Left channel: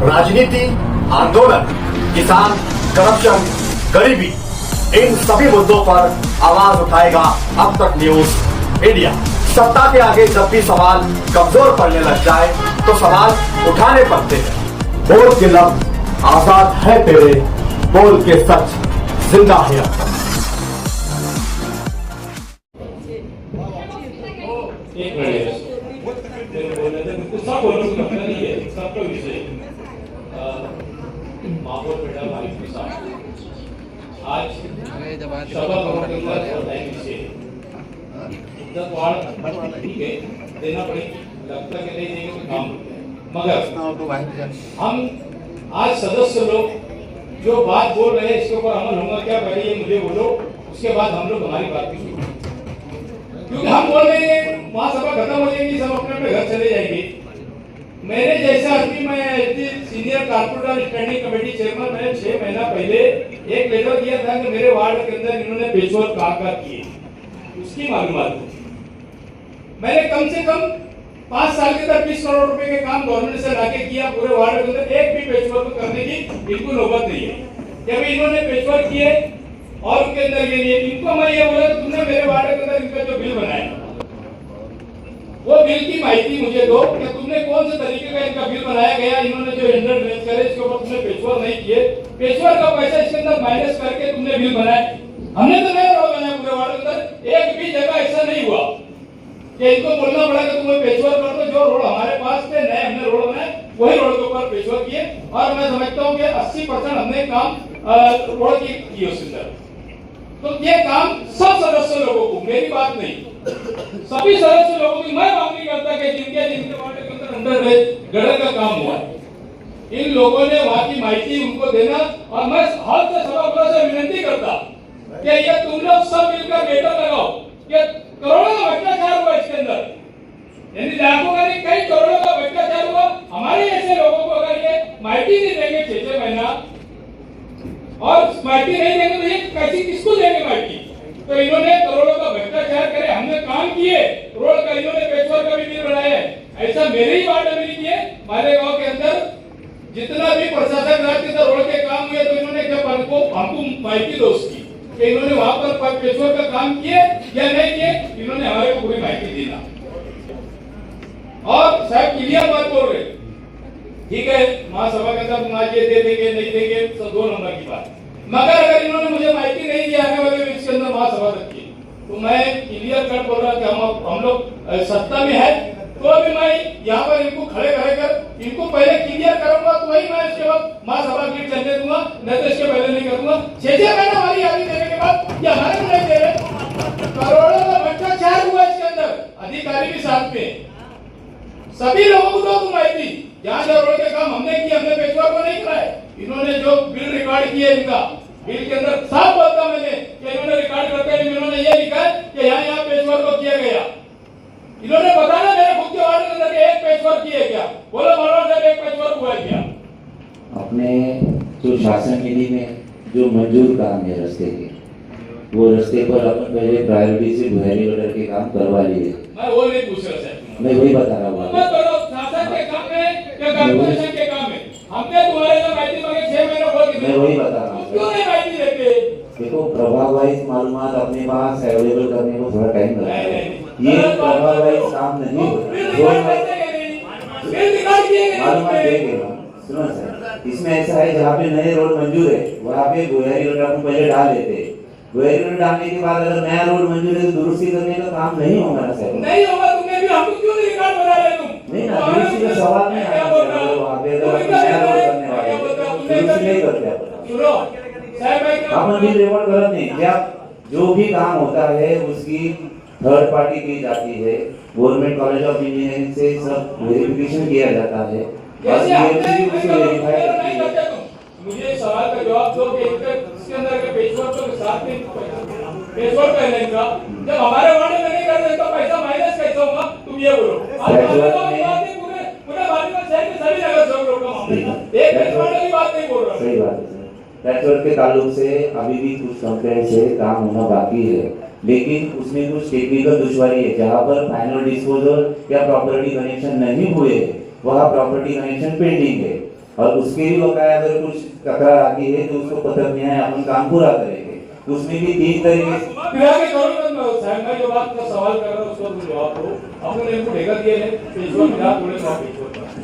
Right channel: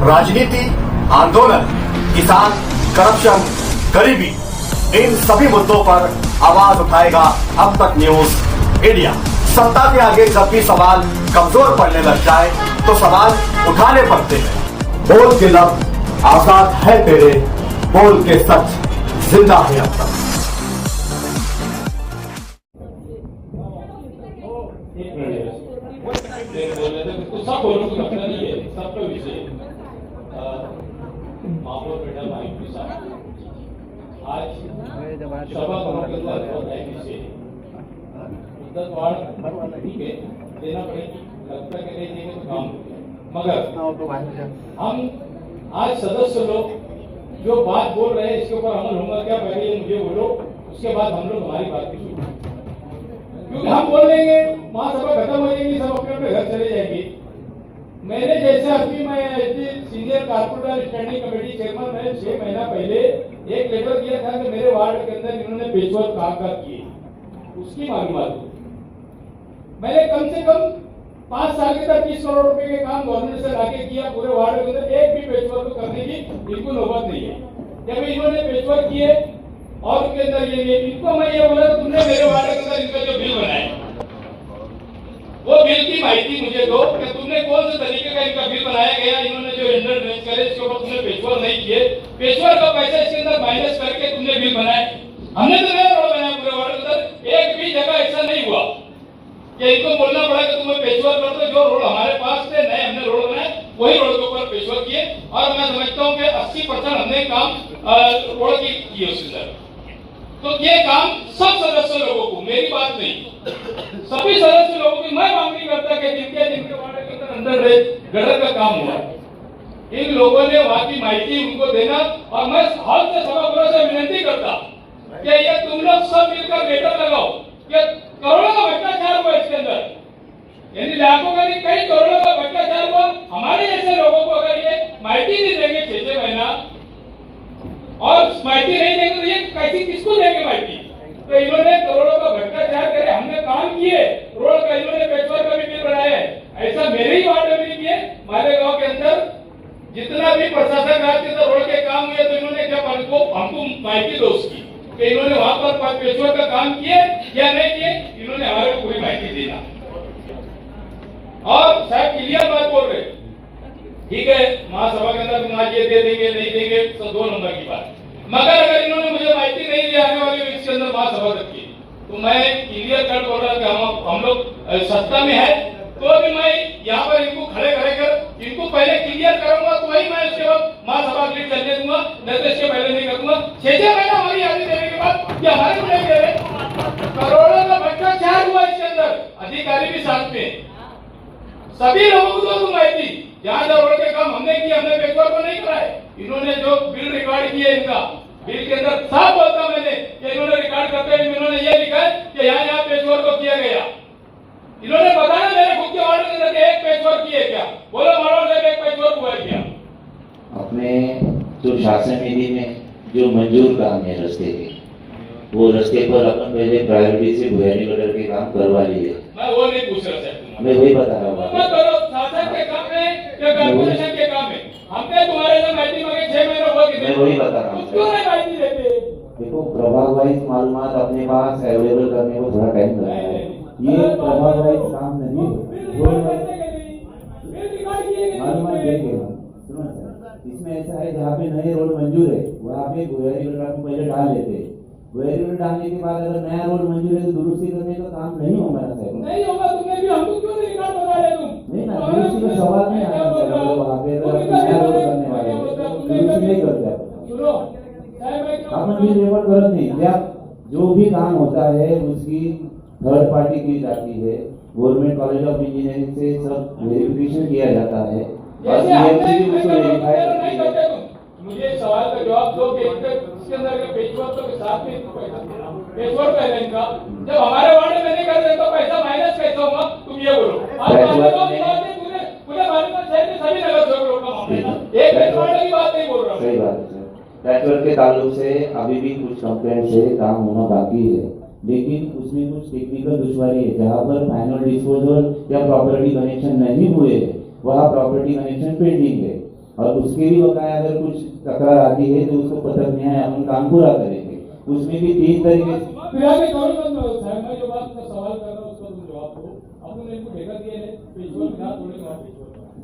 राजनीति, आंदोलन, किसान, करप्शन, गरीबी, इन सभी मुद्दों पर आवाज उठाएगा अब तक न्यूज इंडिया। सत्ता के आगे जब भी सवाल कमजोर पड़ने लग जाए तो सवाल उठाने पड़ते हैं। बोल के लफ्ज आजाद है तेरे, बोल के सच जिंदा है अब तक। सब बोलो तो अपना नहीं है, सबका विषय महापौर बेटा भाई के साथ आज ठीक है देना पड़ेगी, लगता कि नहीं देंगे तो काम मगर हम आज सदस्य लोग जो बात बोल रहे हैं इसके ऊपर अमल होगा क्या, पहले ये मुझे बोलो, उसके बाद हम लोग हमारी बात की सुनो। क्योंकि हम बोल रहे हैं महासभा खत्म हो जाएगी, सब अपने अपने घर चले जाएंगे। मेरे जैसा आदमी, मैं सीनियर कारपोरेटर और स्टैंडिंग कमेटी चेयरमैन, मैंने 6 महीना पहले एक लेटर दिया था कि मेरे वार्ड के अंदर इन्होंने पेशवर कहाँ किए, उसकी मालूमात। मैंने कम से कम 5 साल के अंदर 20 करोड़ रुपए के काम गवर्नमेंट से लाके किया। पूरे वार्ड के अंदर एक भी पेशवर करने की बिल्कुल नौबत नहीं है कि अभी इन्होंने पेशवर किए और उनके अंदर ये नहीं। इनको मैं ये बोला तुमने मेरे वार्ड के अंदर इनका जो बिल बनाया वो बिल की माहिती मुझे दो कि तुमने कौन से तरीके का इनका बिल बनाया गया, इन्होंने जो इंटर रेंज करे इसके ऊपर तुमने पेशवर नहीं किए, पेशवर का पैसा इसके अंदर माइनस करके तुमने बिल बनाया। हमने तो नया रोड बनाया पूरे वार्ड के अंदर, एक भी जगह ऐसा नहीं हुआ कि इनको बोलना पड़ा कि तुम पेशवर कर दो। जो रोड हमारे पास थे नए हमने रोड बनाए, वही रोड के ऊपर पेशवर किए और मैं समझता हूँ कि 80% हमने काम रोड की किए उसके अंदर। तो ये काम सब सदस्य लोगों को, मेरी बात नहीं, सभी सदस्य लोगों की मैं मांग नहीं करता कि जिनके वार्ड के अंदर गड़र का काम हुआ है इन लोगों ने वहां की माहिती उनको देना। और मैं हॉल से सभागृह से विनती करता कि ये तुम लोग सब मिलकर बेटर लगाओ कि करोड़ों का भ्रष्टाचार हुआ इसके अंदर, यानी लाखों का नहीं कई करोड़ों का भ्रष्टाचार हुआ। हमारे ऐसे लोगों को अगर ये माहिती नहीं देंगे 6 महीना और माहिती नहीं देंगे तो ये कैसी किसको देंगे माहिती। तो इन्होंने करोड़ों का भ्रष्टाचार करे, हमने काम किए, रोड का इन्होंने पेशवर का भी बिल बनाया है। ऐसा मेरे ही वार्ड में नहीं किए, हमारे गांव के अंदर जितना भी प्रशासन राज के अंदर रोड के काम हुए तो इन्होंने जब हमको माहिती दो उसकी कि इन्होंने वहां पर पेशवर का काम किए या नहीं किए, इन्होंने हमारे को पूरी माहिती देना। और साहब क्लियर बात बोल रहे, ठीक है महासभा के अंदर आज ये दे देंगे नहीं देंगे तो 2 नंबर की बात, मगर अगर इन्होंने मुझे माहिती नहीं दी आने वाले वीक के अंदर महासभा तक की तो मैं क्लियर कट बोल रहा कि हम लोग सत्ता में है तो भी मैं यहाँ पर इनको खड़े कर इनको पहले क्लियर करूंगा तो वही मैं उसके बाद महासभा के लिए चलने दूंगा, नहीं तो इसके पहले नहीं करूंगा। 6 महीना हमारी यादी देने के बाद ये हमारे को नहीं दे रहे, करोड़ों का भ्रष्टाचार हुआ इसके अंदर अधिकारी के साथ में। सभी लोगों को दो माहिती, जहाँ जहाँ रोड के काम हमने किए, हमने पेशवर को नहीं कराए। इन्होंने जो बिल रिकॉर्ड किए इनका बिल के अंदर साफ बोलता मैंने कि इन्होंने रिकॉर्ड करते हुए इन्होंने ये लिखा है कि यहाँ पेशवर को किया गया। इन्होंने बताया मेरे खुद के वार्ड के अंदर एक पेशवर किए क्या, बोलो मानो साहब एक पेशवर हुआ क्या। अपने जो शासन निधि में जो मंजूर काम है रास्ते के, वो रास्ते पर अपन पहले प्रायोरिटी से भुयारी गटर के काम करवा लिए। मैं वो नहीं पूछ रहा सर, मैं वही बता रहा हूँ। शासन के काम में या कॉर्पोरेशन के काम में हमने तुम्हारे से माहिती मांगे 6 महीने हो गए, मैं वही बता रहा हूँ। क्यों नहीं माहिती देते? देखो प्रभाव वाइज मालूमात अपने पास अवेलेबल करने को थोड़ा टाइम लगता है, ये प्रभाव वाइज काम नहीं मालूमात देंगे। सुनो सर, इसमें ऐसा है जहाँ पे नए रोड मंजूर है वहाँ पे भुयारी गटर को पहले डाल देते हैं। भुयारी गटर डालने के बाद अगर नया रोड मंजूर है तो दुरुस्ती करने का काम नहीं होगा ना सर। नहीं होगा, तुमने भी हमको क्यों नहीं रिकॉर्ड बना रहे तुम? नहीं ना, दुरुस्ती का सवाल नहीं आया सर। वहाँ पे अगर अपन नया रोड करने वाले दुरुस्ती नहीं करते अपन भी रिकॉर्ड गलत नहीं। जब जो भी काम होता है उसकी थर्ड पार्टी की जाती है, गवर्नमेंट कॉलेज ऑफ इंजीनियरिंग से सब वेरिफिकेशन किया जाता है। मुझे सवाल का जवाब दो कि इसके अंदर के पेशवर तो साथ में पेशवर पहले इनका जब हमारे वार्ड में नहीं करते तो पैसा माइनस कैसे होगा, तुम ये बोलो। पूरे भारत में शहर के सभी नगर सेवक लोगों का मामला है, एक पेशवर की बात नहीं बोल रहा। सही बात है सर, पैचवर्क के ताल्लुक से अभी भी कुछ कंप्लेंट से काम होना बाकी है, लेकिन उसमें कुछ टेक्निकल दुश्वारी है। जहाँ पर फाइनल डिस्पोजल या प्रॉपर्टी कनेक्शन नहीं हुए वहाँ प्रॉपर्टी कनेक्शन पेंडिंग है। और उसके भी बकाया अगर कुछ तकरार आती है तो उसको पत्र न्याय अपन काम पूरा करेंगे। तो उसमें भी 3 तरीके से फिलहाल के दौर में साहब मैं जो बात का सवाल कर रहा हूँ उसका तुम जवाब दो। अपने इनको ठेका दिए है पेशवा में रात थोड़े माफी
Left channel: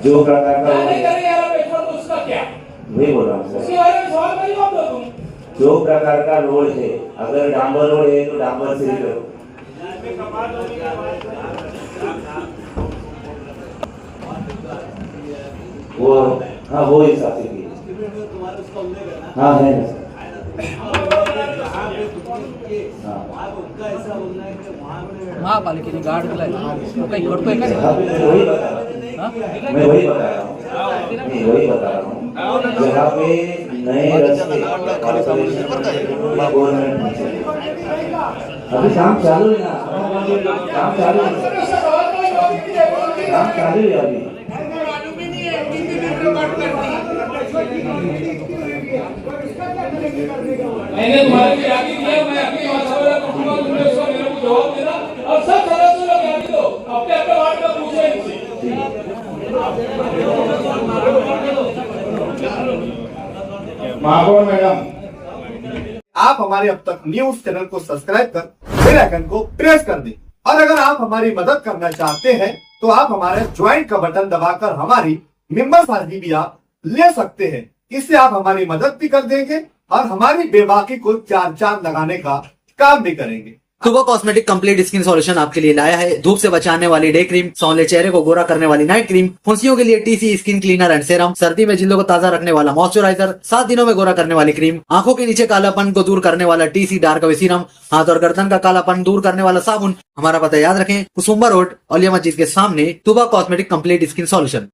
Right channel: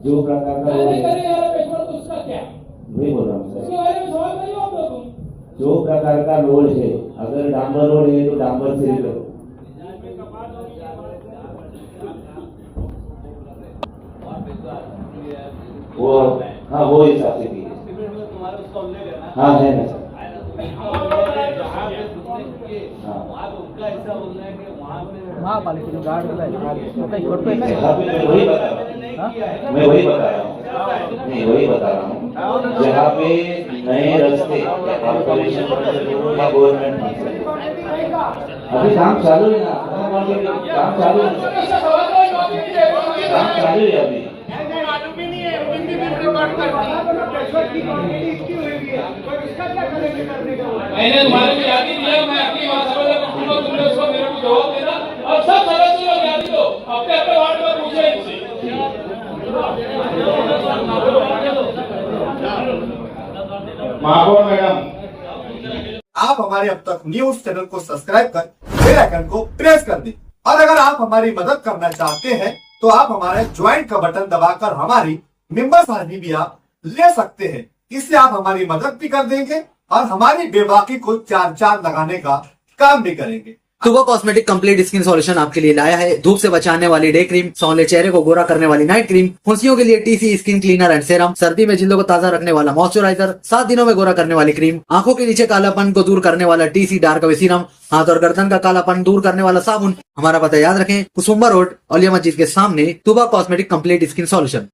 जो प्रकार का नहीं करे यार पेशवा तो उसका क्या वही बोल रहा हूँ सर, उसके बारे में सवाल का जवाब दो तुम। जो प्रकार का रोड है, अगर डांबर रोड है तो डांबर से ही करो। वो हाँ वो हिसाब से कीजिए। हाँ है ना सर। महापालिकेने गार्ड दिलाय तो काही करतोय का जहाँ पे मैं वही बता रहा हूँ मैं वही बता रहा हूँ जहाँ पे नए रास्ते कॉर्पोरेशन गवर्नमेंट अभी काम चालू है ना, काम चालू है, काम चालू है अभी। मैंने तुम्हारे को याद ही दिया, मैं अपनी बात समझ रहा हूँ, तुमने उसका मेरे को जवाब देना और सब सदस्य लोग याद दो अपने अपने वार्ड में पूछे इनसे। महापौर मैडम, आप हमारे अब तक न्यूज चैनल को सब्सक्राइब कर बेल आइकन को प्रेस कर दें और अगर आप हमारी मदद करना चाहते हैं तो आप हमारे ज्वाइन का बटन दबाकर हमारी मेंबर साझी भी आप ले सकते हैं। इससे आप हमारी मदद भी कर देंगे और हमारी बेबाकी को 4 लगाने का काम भी करेंगे। तुबा कॉस्मेटिक कंप्लीट स्किन सॉल्यूशन आपके लिए लाया है। धूप से बचाने वाली डे क्रीम, सौले चेहरे को गोरा करने वाली नाइट क्रीम, फुंसियों के लिए TC skin cleaner and serum, सर्दी में जिल्दों को ताजा रखने वाला मॉइस्चराइजर, 7 दिनों में गोरा करने वाली क्रीम, आंखों के नीचे कालापन को दूर करने वाला टीसी डार्क वे सीरम, हाथ और गर्दन का कालापन दूर करने वाला साबुन। हमारा पता याद रखें, कुसुम्बा रोड, औलिया मस्जिद के सामने, तुबा कॉस्मेटिक कंप्लीट स्किन सॉल्यूशन।